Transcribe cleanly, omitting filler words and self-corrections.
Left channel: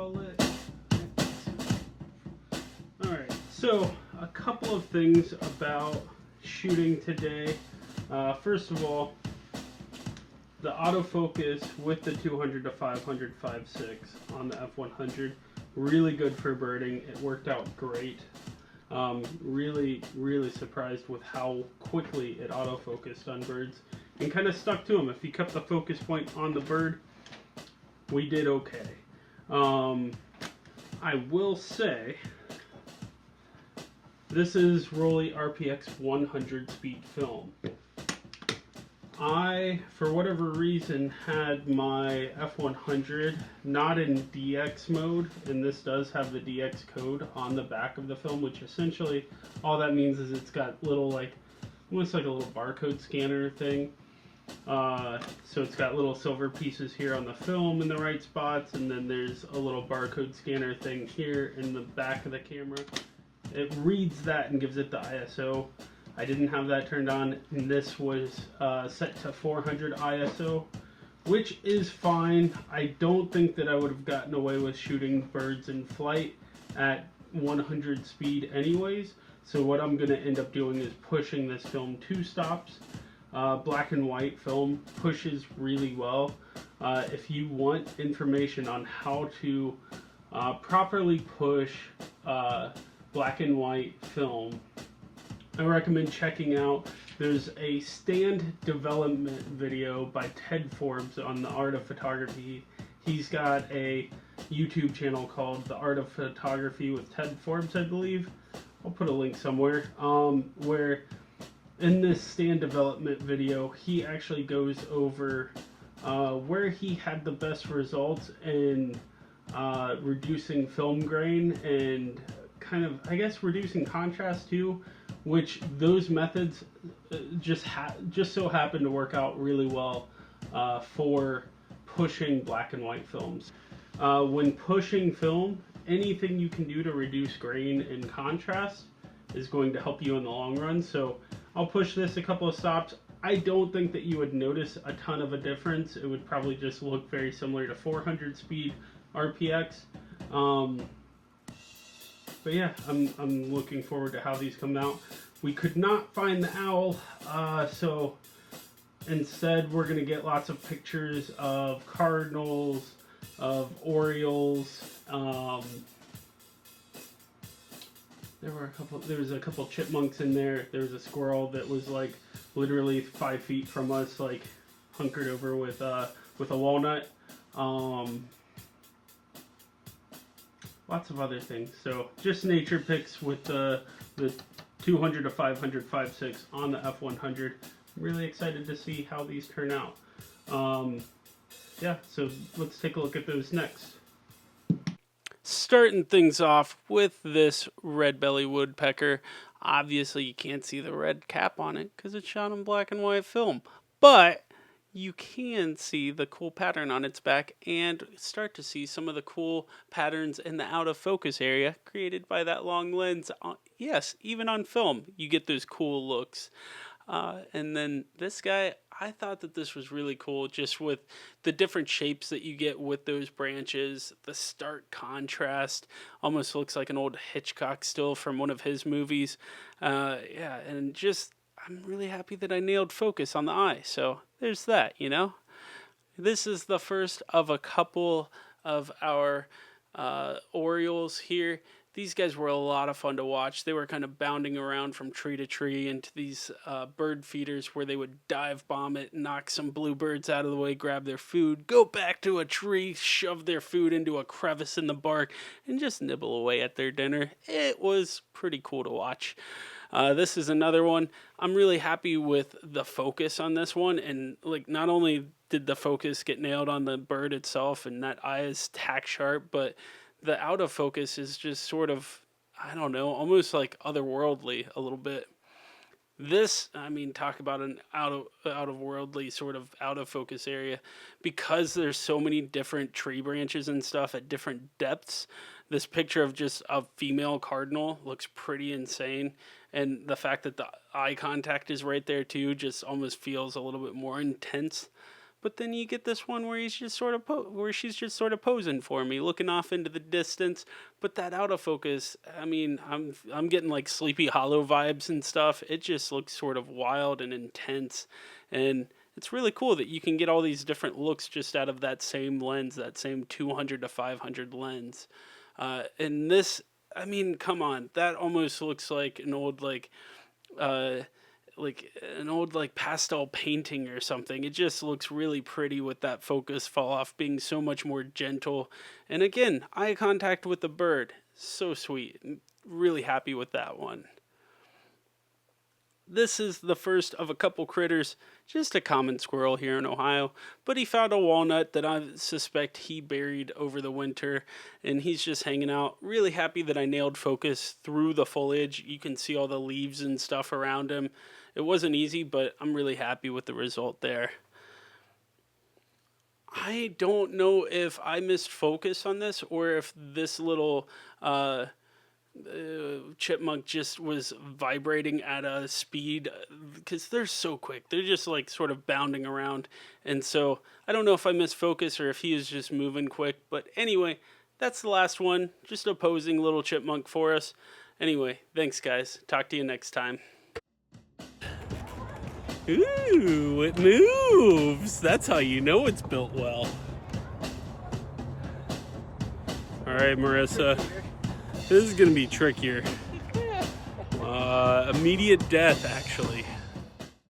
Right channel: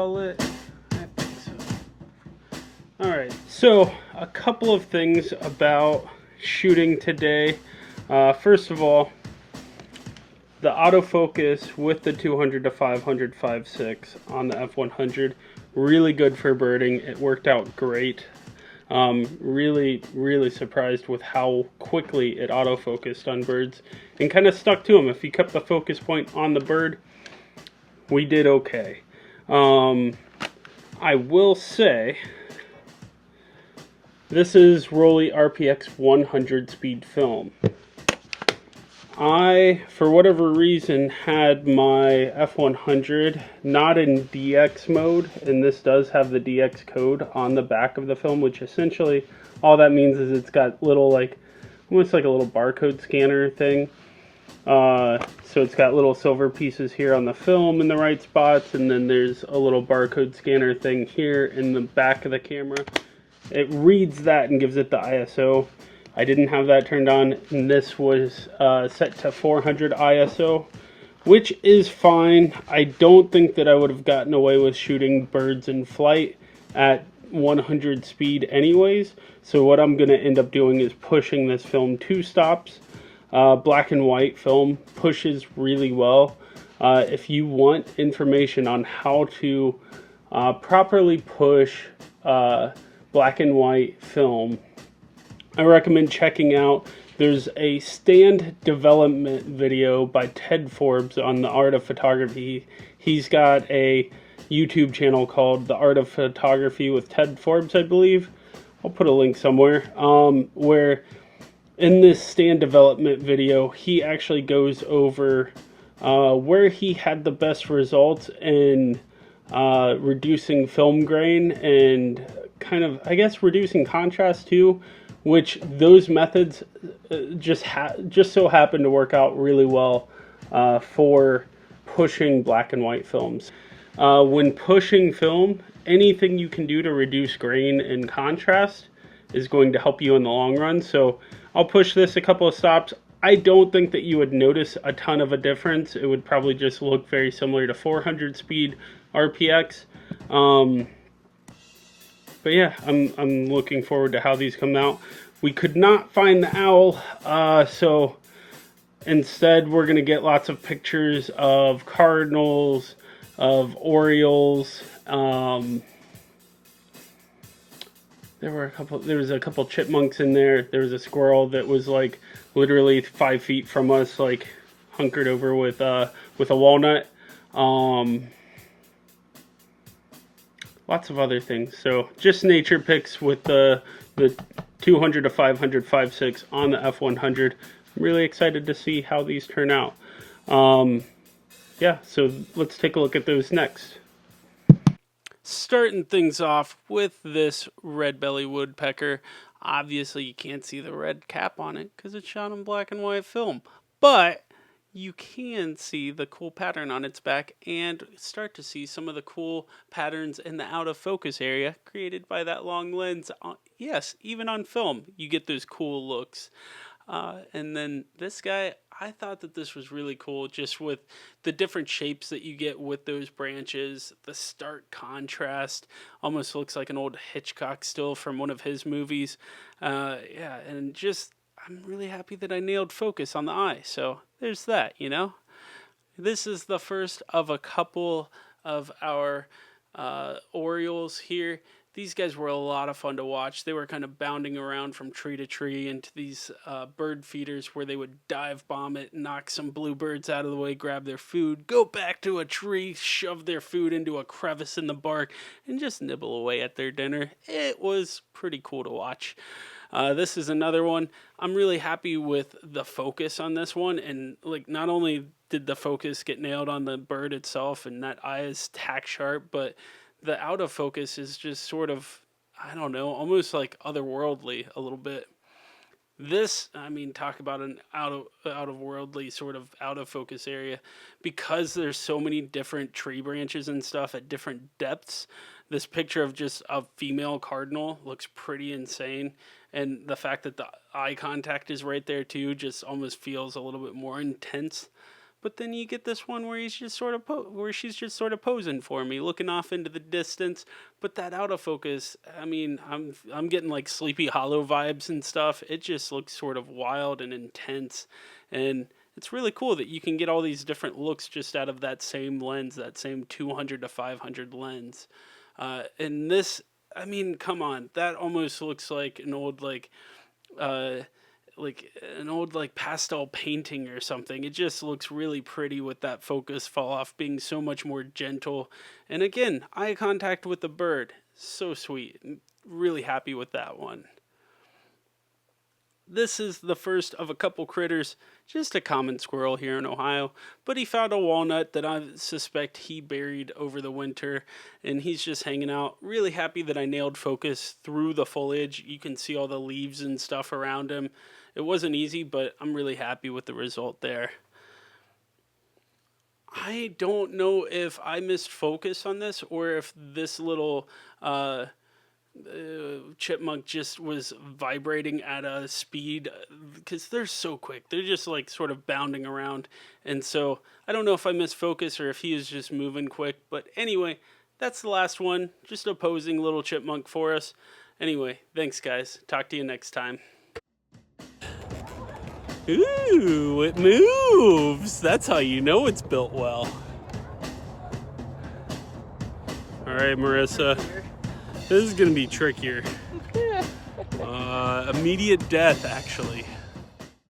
well lit? I think so. Alright, so a couple of things about shooting today. First of all, the autofocus with the 200 to 500 5.6 on the F100, really good for birding. It worked out great. Really surprised with how quickly it autofocused on birds and kind of stuck to them. If you kept the focus point on the bird, we did okay. I will say, this is Rollei RPX 100 speed film. I, for whatever reason, had my F100 not in DX mode, and this does have the DX code on the back of the film, which essentially all that means is it's got little, like, almost like a little barcode scanner thing. So it's got little silver pieces here on the film in the right spots, and then there's a little barcode scanner thing here in the back of the camera. It reads that and gives it the ISO. I didn't have that turned on, and this was set to 400 ISO, which is fine. I don't think that I would have gotten away with shooting birds in flight at 100 speed anyways, so what I'm going to end up doing is pushing this film 2 stops. Black and white film pushes really well. If you want information on how to properly push black and white film, I recommend checking out, there's a stand development video by Ted Forbes on the art of photography. He's got a YouTube channel called The Art of Photography with Ted Forbes, I believe. I'll put a link somewhere, where in this stand development video, he actually goes over where he had the best results in reducing film grain and kind of, I guess, reducing contrast too, which those methods just so happen to work out really well for pushing black and white films. When pushing film, anything you can do to reduce grain and contrast is going to help you in the long run. So I'll push this a couple of stops. I don't think that you would notice a ton of a difference. It would probably just look very similar to 400 speed RPX. But yeah, I'm looking forward to how these come out. We could not find the owl, so instead we're going to get lots of pictures of cardinals, of orioles. There was a couple chipmunks in there. There was a squirrel that was like literally 5 feet from us, like hunkered over with a walnut. Lots of other things. So just nature pics with the 200 to 500 5.6 on the F100. I'm really excited to see how these turn out. Yeah, so let's take a look at those next. Starting things off with this red-bellied woodpecker. Obviously, you can't see the red cap on it because it's shot in black and white film. But you can see the cool pattern on its back and start to see some of the cool patterns in the out of focus area created by that long lens. Yes, even on film, you get those cool looks. And then this guy, I thought that this was really cool just with the different shapes that you get with those branches, the stark contrast, almost looks like an old Hitchcock still from one of his movies. Yeah, and just, I'm really happy that I nailed focus on the eye. So there's that, you know. This is the first of a couple of our orioles here. These guys were a lot of fun to watch. They were kind of bounding around from tree to tree into these bird feeders where they would dive bomb it, knock some bluebirds out of the way, grab their food, go back to a tree, shove their food into a crevice in the bark, and just nibble away at their dinner. It was pretty cool to watch. This is another one. I'm really happy with the focus on this one, and like not only did the focus get nailed on the bird itself and that eye is tack sharp, but the out of focus is just sort of, I don't know, almost like otherworldly a little bit. This, I mean, talk about an out of worldly sort of out of focus area, because there's so many different tree branches and stuff at different depths. This picture of just a female cardinal looks pretty insane, and the fact that the eye contact is right there too just almost feels a little bit more intense. But then you get this one where he's just sort of where she's just sort of posing for me, looking off into the distance. But that autofocus, I mean, I'm getting like Sleepy Hollow vibes and stuff. It just looks sort of wild and intense, and it's really cool that you can get all these different looks just out of that same lens, that same 200 to 500 lens. And this, I mean, come on, that almost looks like an old uh, like pastel painting or something. It just looks really pretty with that focus fall off being so much more gentle. And again, eye contact with the bird, so sweet. Really happy with that one. This is the first of a couple critters, just a common squirrel here in Ohio, but he found a walnut that I suspect he buried over the winter, and he's just hanging out. Really happy that I nailed focus through the foliage. You can see all the leaves and stuff around him. It wasn't easy, but I'm really happy with the result there. I don't know if I missed focus on this or if this little chipmunk just was vibrating at a speed, because they're so quick. They're just like sort of bounding around. And so I don't know if I missed focus or if he was just moving quick. But anyway, that's the last one. Just a posing little chipmunk for us. Anyway, thanks guys. Talk to you next time. Ooh, it moves. That's how you know it's built well. All right, Marissa. This is going to be trickier. Immediate death, actually.